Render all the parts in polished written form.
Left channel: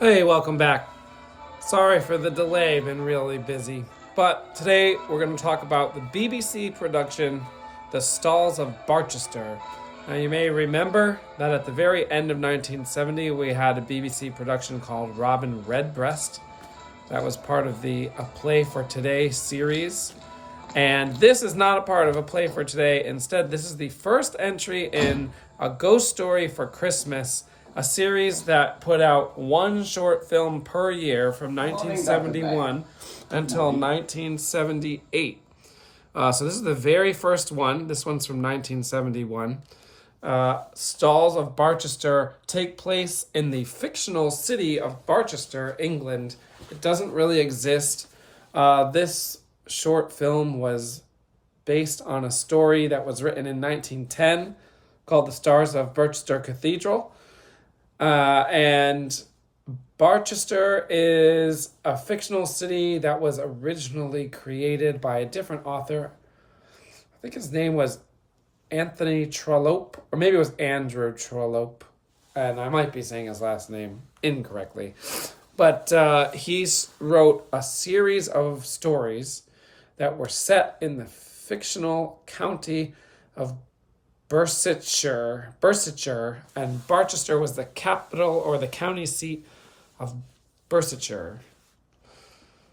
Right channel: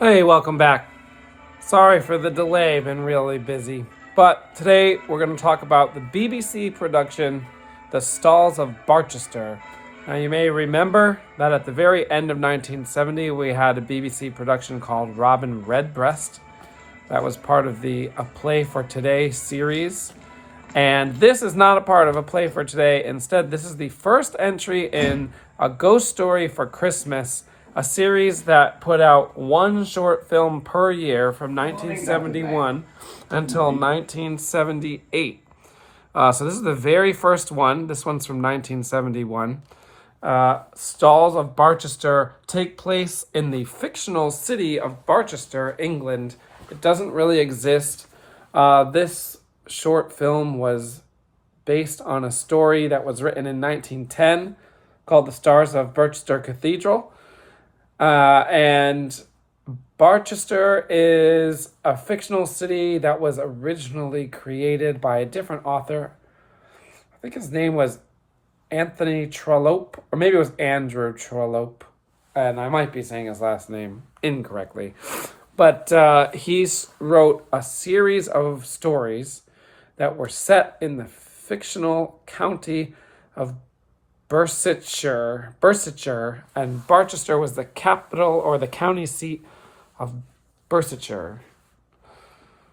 Hey, welcome back. Sorry for the delay, been really busy. But today we're going to talk about the BBC production, The Stalls of Barchester. Now, you may remember that at the very end of 1970, we had a BBC production called Robin Redbreast. That was part of the A Play for Today series. And this is not a part of A Play for Today. Instead, this is the first entry in A Ghost Story for Christmas, a series that put out one short film per year from 1971 until 1978. So this is the very first one. This one's from 1971. Stalls of Barchester take place in the fictional city of Barchester, England. It doesn't really exist. This short film was based on a story that was written in 1910 called The Stalls of Barchester Cathedral. And Barchester is a fictional city that was originally created by a different author. I think his name was Anthony Trollope, or maybe it was Andrew Trollope, and I might be saying his last name incorrectly. But he wrote a series of stories that were set in the fictional county of Berkshire, and Barchester was the capital or the county seat of Berkshire.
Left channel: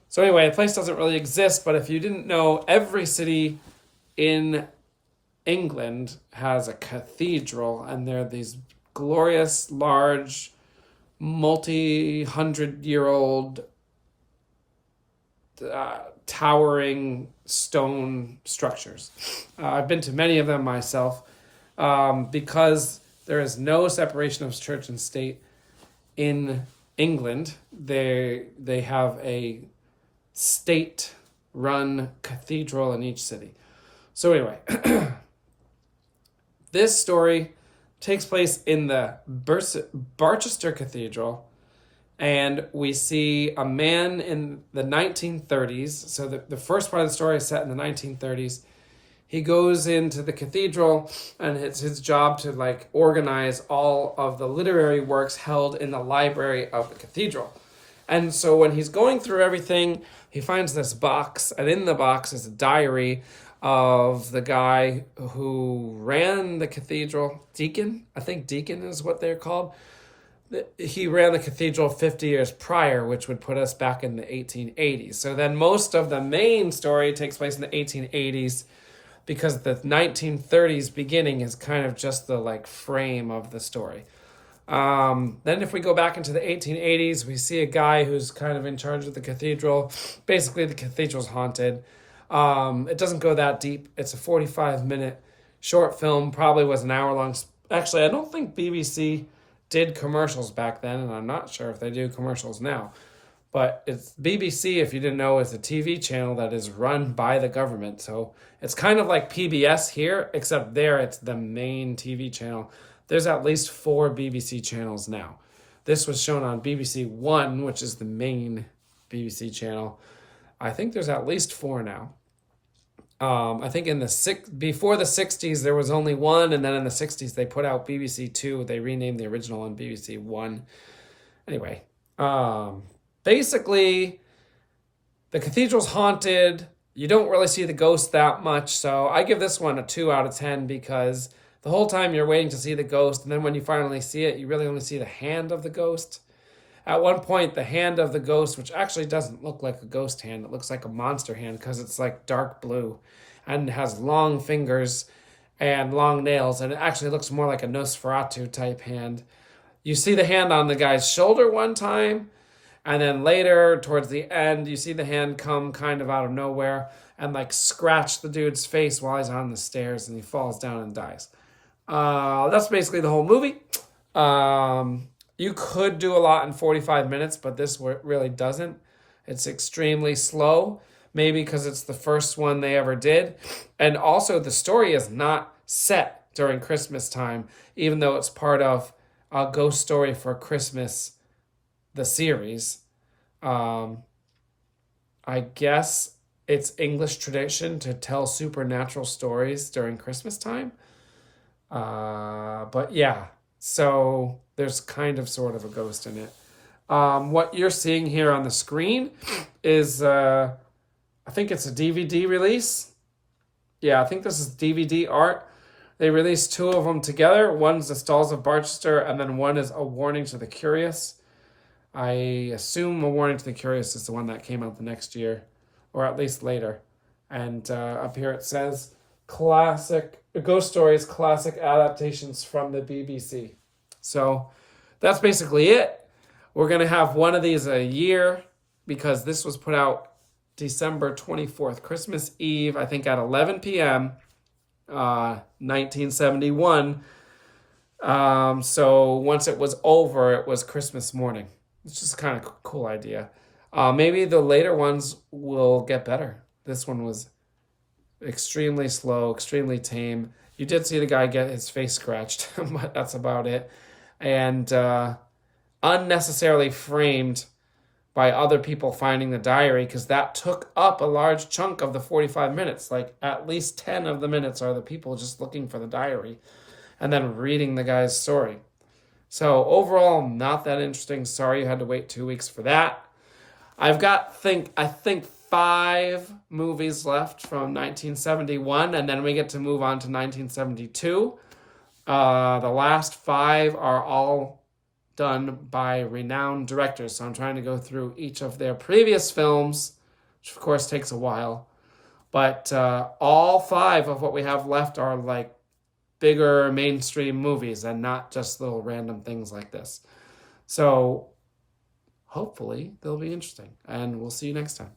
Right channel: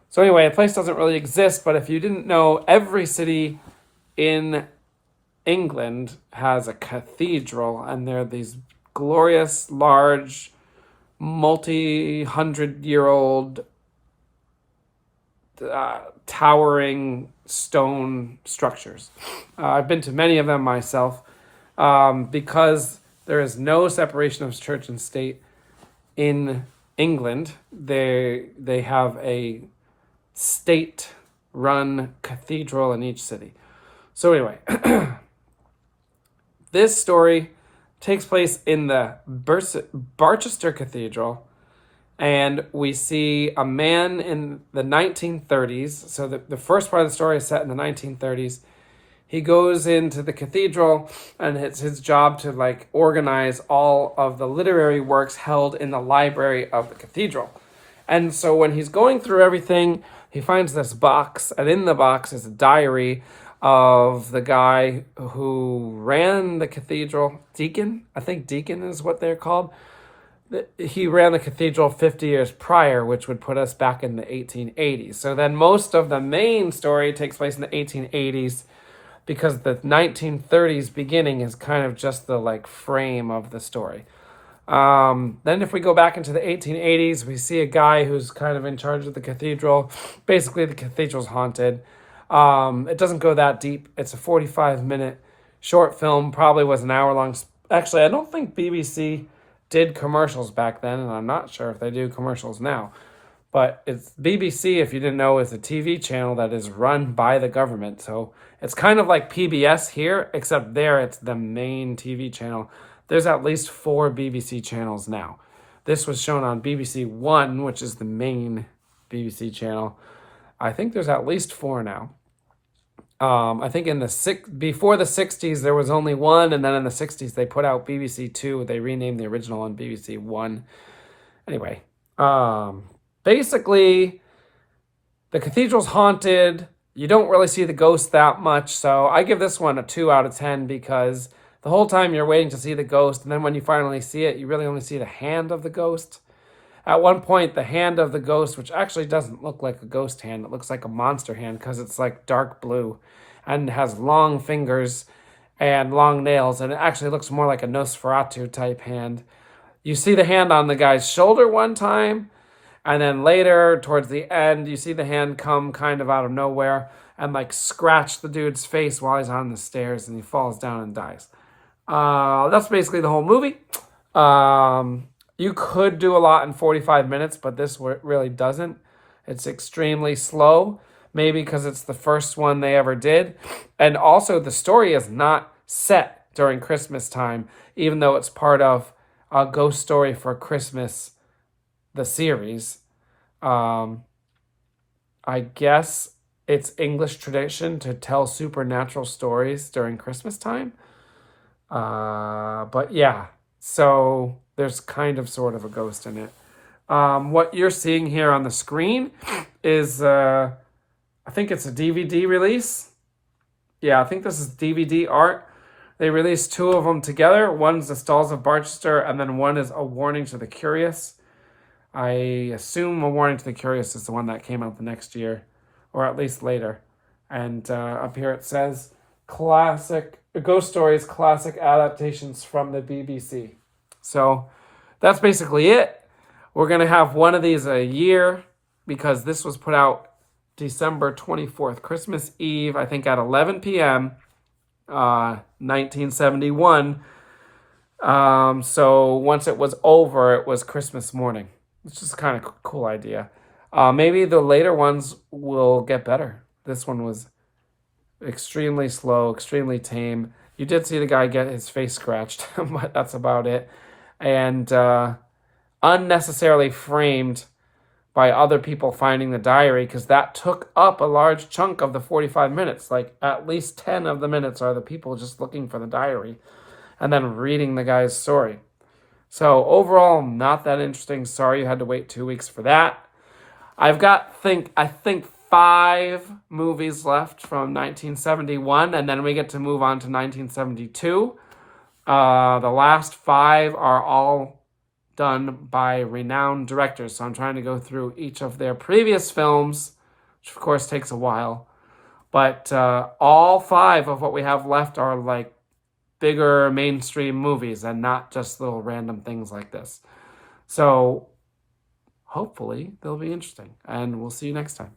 So anyway, a place doesn't really exist, but if you didn't know, every city in England has a cathedral, and they're these glorious, large, multi-hundred-year-old towering stone structures. I've been to many of them myself. Because there is no separation of church and state in England, they have a state-run cathedral in each city. So anyway, this story takes place in the Barchester Cathedral, and we see a man in the 1930s. So the first part of the story is set in the 1930s. He goes into the cathedral, and it's his job to organize all of the literary works held in the library of the cathedral. And so when he's going through everything, he finds this box, and in the box is a diary of the guy who ran the cathedral. Deacon? I think deacon is what they're called. He ran the cathedral 50 years prior, which would put us back in the 1880s. So then most of the main story takes place in the 1880s, because the 1930s beginning is kind of just the frame of the story. Then if we go back into the 1880s, we see a guy who's kind of in charge of the cathedral. Basically, the cathedral's haunted. It doesn't go that deep. It's a 45-minute short film, probably was an hour long. Actually, I don't think BBC did commercials back then, and I'm not sure if they do commercials now. But it's BBC, if you didn't know, is a TV channel that is run by the government. So it's kind of like PBS here, except there it's the main TV channel. There's at least 4 BBC channels now. This was shown on BBC One, which is the main BBC channel. I think there's at least 4 now. I think before the 60s, there was only 1, and then in the 60s, they put out BBC Two. They renamed the original on BBC One. Anyway, basically, the cathedral's haunted. You don't really see the ghost that much, so I give this one a 2 out of 10 because the whole time you're waiting to see the ghost, and then when you finally see it, you really only see the hand of the ghost. At one point, the hand of the ghost, which actually doesn't look like a ghost hand, it looks like a monster hand because it's dark blue and has long fingers and long nails, and it actually looks more like a Nosferatu type hand. You see the hand on the guy's shoulder one time, and then later, towards the end, you see the hand come kind of out of nowhere and scratch the dude's face while he's on the stairs, and he falls down and dies. That's basically the whole movie. You could do a lot in 45 minutes, but this really doesn't. It's extremely slow, maybe because it's the first one they ever did. And also, the story is not set during Christmas time, even though it's part of A Ghost Story for Christmas, the series. I guess it's English tradition to tell supernatural stories during Christmas time. But yeah, so there's kind of sort of a ghost in it. What you're seeing here on the screen is, I think it's a DVD release. Yeah, I think this is DVD art. They released two of them together. One's the Stalls of Barchester, and then one is A Warning to the Curious. I assume A Warning to the Curious is the one that came out the next year, or at least later. And up here it says, classic ghost stories, classic adaptations from the BBC. So that's basically it. We're going to have one of these a year because this was put out December 24th, Christmas Eve, I think at 11 p.m., 1971. So once it was over, it was Christmas morning. It's just kind of a cool idea. Maybe the later ones will get better. This one was extremely slow, extremely tame. You did see the guy get his face scratched, but that's about it. And unnecessarily framed by other people finding the diary, because that took up a large chunk of the 45 minutes. Like at least 10 of the minutes are the people just looking for the diary and then reading the guy's story. So overall, not that interesting. Sorry you had to wait 2 weeks for that. I've got, I think 5 movies left from 1971, and then we get to move on to 1972. The last 5 are all done by renowned directors. So I'm trying to go through each of their previous films, which of course takes a while. But all 5 of what we have left are like bigger mainstream movies and not just little random things like this. So hopefully they'll be interesting, and we'll see you next time.